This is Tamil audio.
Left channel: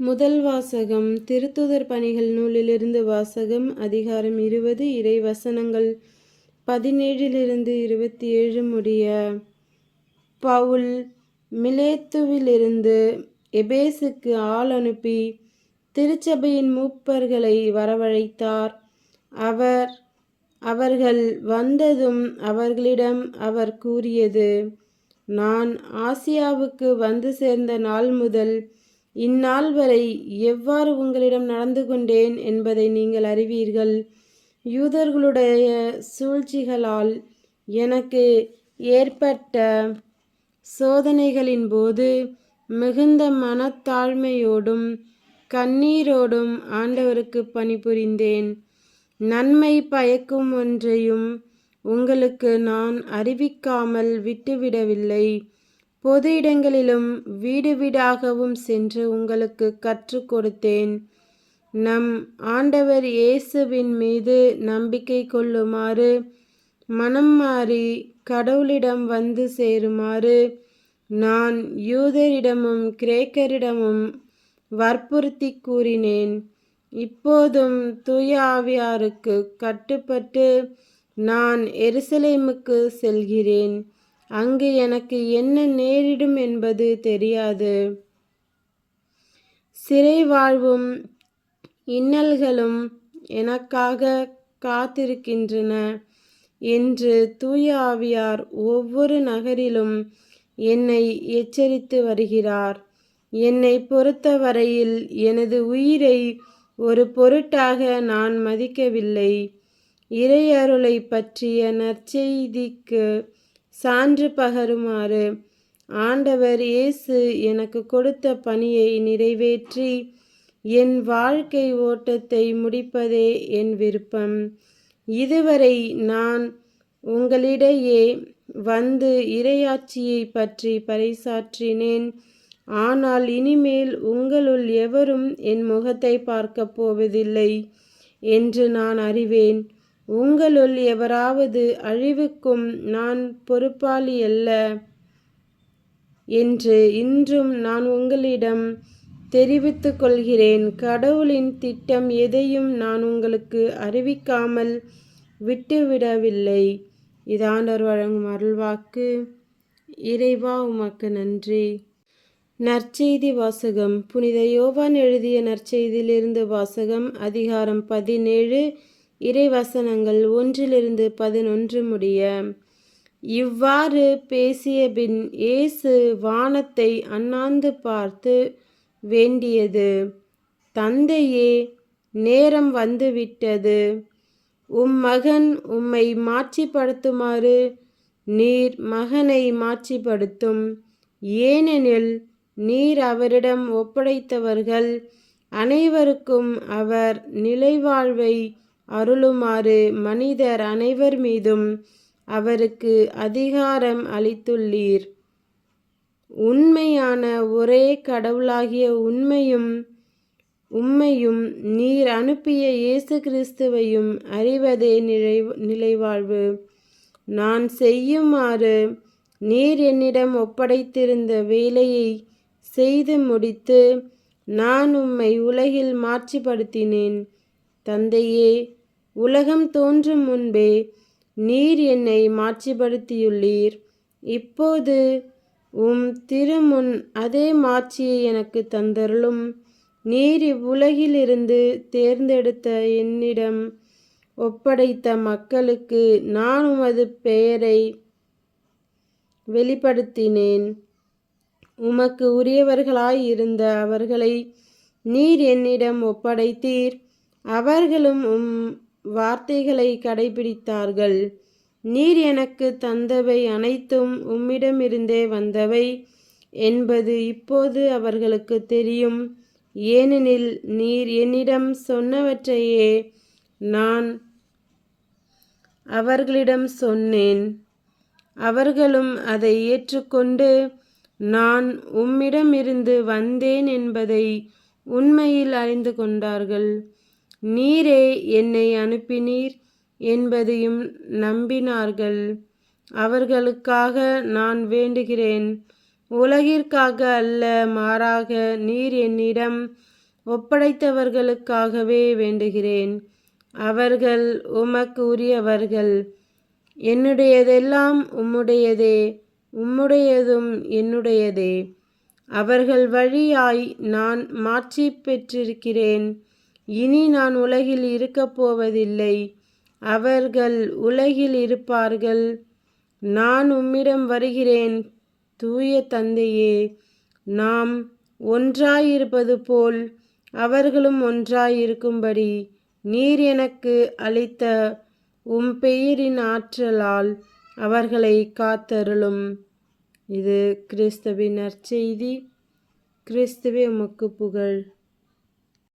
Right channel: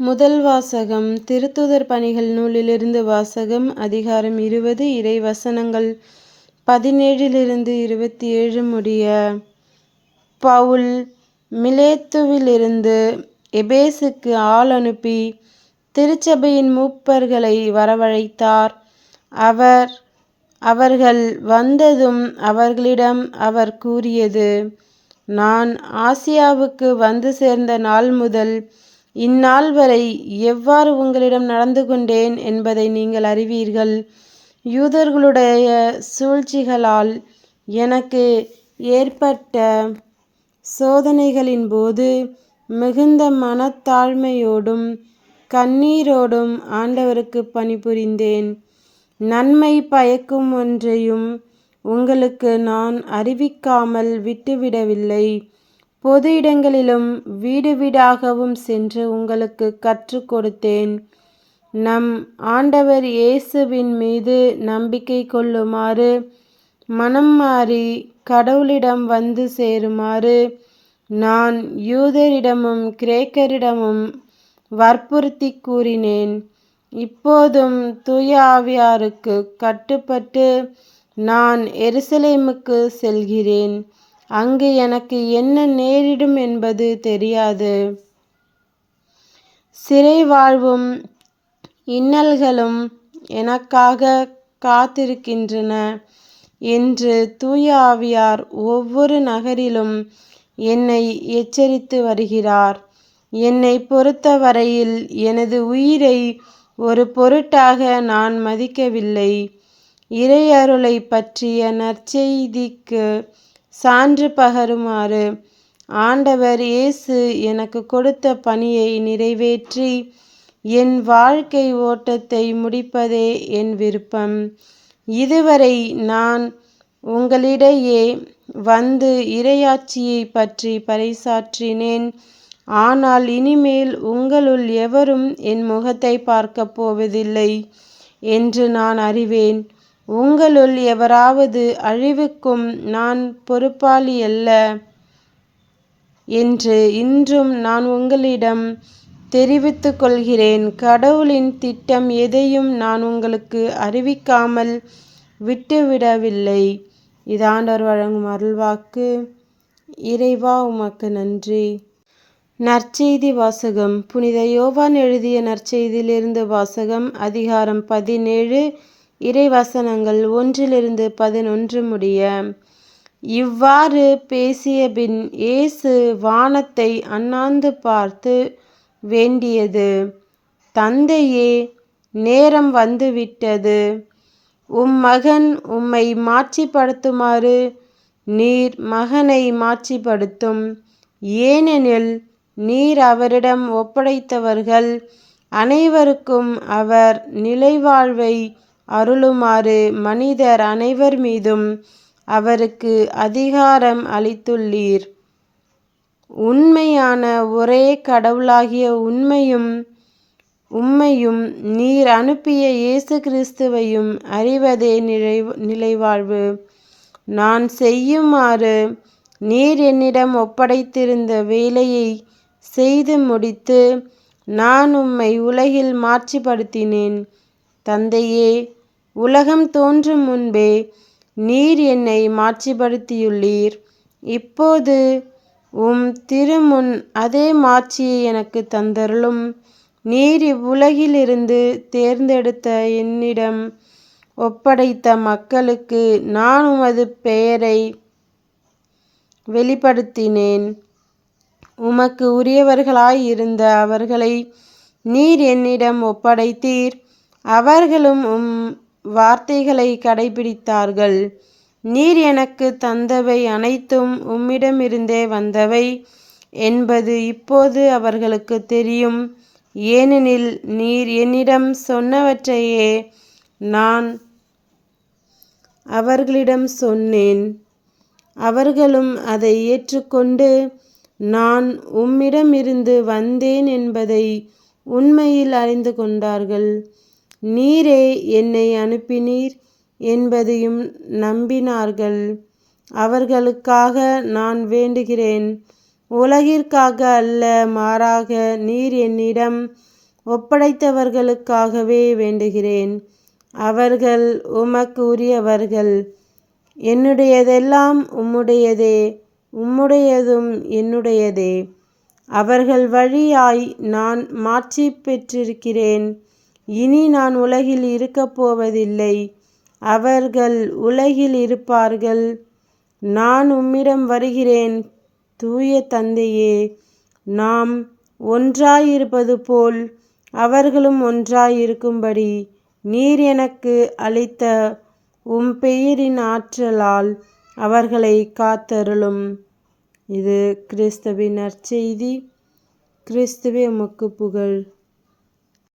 முதல் வாசகம் திருத்தூதர் பணிகள் நூலிலிருந்து வாசகம். அதிகாரம் 20 இறை வசனங்கள் 17 27 முடிய. பவுல் மிலேத்துவிலிருந்து எபேசுக்கு ஆள் அனுப்பி திருச்சபையின் மூப்பர்களை வரவழைத்தார். அவர்கள் வந்ததும் அவர்களிடம் அவர் கூறியது: நான் ஆசியாவுக்கு வந்து சேர்ந்த நாள் முதல் இந்நாள் வரை எவ்வாறு உங்களிடம் நடந்து கொண்டேன் என்பதை நீங்கள் அறிவீர்கள். யூதர்களுடைய சூழ்ச்சிகளால் எனக்கு ஏற்பட்ட சோதனைகளின் போது மிகுந்த மனத்தாழ்மையோடும் கண்ணீரோடும் ஆண்டவருக்கு பணிபுரிந்தேன். நன்மை பயக்கும் ஒன்றையும் உங்களுக்கு நான் அறிவிக்காமல் விட்டுவிடவில்லை. பொது இடங்களிலும் வீடு வீடாகவும் சென்று உங்களுக்கு கற்றுக் கொடுத்தேன். நம் ஆண்டவர் இயேசுவின் மீது நம்பிக்கை கொள்ளுமாறு, மனம் மாறி கடவுளிடம் வந்து சேருமாறு நான் யூதரிடமும் கிரேக்கரிடமும் வற்புறுத்தி கூறினேன். இப்போதும் தூய ஆவியாருக்கு கட்டுப்பட்டு நான் எருசலேமுக்கு செல்கிறேன். அங்கு எனக்கு என்ன நேரிடும் என்பது தெரியாது. சிறை வாழ்வும் இன்னல்களும் எனக்காக காத்திருக்கின்றன என்று தூய ஆவியார் ஒவ்வொரு நகரிலும் என்னை எச்சரித்து வருகிறார். என்னை பொறுத்தவரையில் எனது உயிரை ஒரு பொருட்டாக நான் மதிக்கவில்லை. இறை அருளை பற்றிய நற்செய்திக்கு சான்று பகருமாறு ஆண்டவர் இயேசு எனக்கு கொடுத்த பணியை நிறைவேற்றி என் வாழ்க்கை ஓட்டத்தை முடிப்பதே என் விருப்பம். இதுவரை நான் உங்களிடையே வந்து இறையாட்சியை பற்றி பறைசாற்றினேன். ஆனால் இனிமேல் உங்களுள் எவரும் என் முகத்தை பார்க்கப் போவதில்லை என்று நான் அறிவேன். உங்களுள் எவராவது அழிவுக்கும் நான் பொறுப்பாளி அல்ல என்று இன்றும் நான் உங்களிடம் தெரிவித்து கொள்கிறேன். கடவுளின் திட்டம் எதையும் நான் உங்களுக்கு அறிவிக்காமல் விட்டுவிடவில்லை. இது ஆண்டவர் வழங்கும் அருள்வாக்கு. இறைவா, உமக்கு நன்றி. நற்செய்தி வாசகம். புனித யோவான் எழுதிய நற்செய்தியிலிருந்து வாசகம். அதிகாரம் 17 இறை வசனங்கள் 1-11 முடிய. இவ்வாறு பேசியபின் இயேசு வானத்தை அண்ணாந்து பார்த்து வேண்டியது: தந்தையே, நேரம் வந்துவிட்டது. மகன் உம்மை மாட்சிப்படுத்துமாறு நீர் மகனை மாட்சிப்படுத்தும். ஏனெனில் நீர் அவரிடம் ஒப்படைத்தவர்கள் அனைவருக்கும் அவர் நிலைவாழ்வை அருளுமாறு மனிதர் அனைவர் மீதும் அவருக்கு அதிகாரம் அளித்துள்ளீர். உண்மையான ஒரே கடவுளாகிய உம்மையும் நீர் அனுப்பிய இயேசு கிறிஸ்துவையும் அறிவதே நிலைவாழ்வு. நான் செய்யுமாறு நீர் என்னிடம் ஒப்படைத்திருந்த வேலையை செய்து முடித்து நான் உம்மை உலகில் மாட்சிப்படுத்தினேன். தந்தையே, உலகம் தோன்றும் முன்பே நீர் என்னை மாட்சிப்படுத்தியுள்ளீர். இப்போது உம் திருமுன் அதே மாட்சியை எனக்கு தந்தருளும். நீர் இவ்வுலகிலிருந்து தேர்ந்தெடுத்த என்னிடம் ஒப்படைத்த மக்களுக்கு நான் உமது பெயரை வெளிப்படுத்தினேன். உமக்கு உரியவர்களாய் இருந்த அவர்களை நீர் என்னிடம் ஒப்படைத்தீர். அவர்களும் உம் வார்த்தைகளை கடைபிடித்தார்கள். நீர் எனக்கு தந்தவை அனைத்தும் உம்மிடமிருந்தே வந்தவை என்பது இப்போது அவர்களுக்கு தெரியும். ஏனெனில் நீர் என்னிடம் சொன்னவற்றையே நான் அவர்களிடம் சொன்னேன். அவர்களும் அதை ஏற்றுக்கொண்டு நான் உம்மிடமிருந்து வந்தேன் என்பதை உண்மையில் அறிந்து கொண்டார்கள். நீரே என்னை அனுப்பினீர் என்பதையும் நம்பினார்கள். அவர்களுக்காக நான் வேண்டுகிறேன். உலகிற்காக அல்ல, மாறாக நீர் என்னிடம் ஒப்படைத்தவர்களுக்காகவே வேண்டுகிறேன். அவர்கள் உமக்கு உரியவர்கள். என்னுடையதெல்லாம் உம்முடையதே, உம்முடையதும் என்னுடையதே. அவர்கள் வழியாய் நான் மாட்சி பெற்றிருக்கிறேன். இனி நான் உலகில் இருக்கப் போவதில்லை. அவர்கள் உலகில் இருப்பார்கள். நான் உம்மிடம் வருகிறேன். தூய தந்தையே, நாம் ஒன்றாயிருப்பது போல் அவர்களும் ஒன்றாயிருக்கும்படி நீர் எனக்கு அளித்த உம் பெயரின் ஆற்றலால் அவர்களை காத்தருளும். இது கிறிஸ்துவின் நற்செய்தி. கிறிஸ்துவே உமக்கு புகழ்.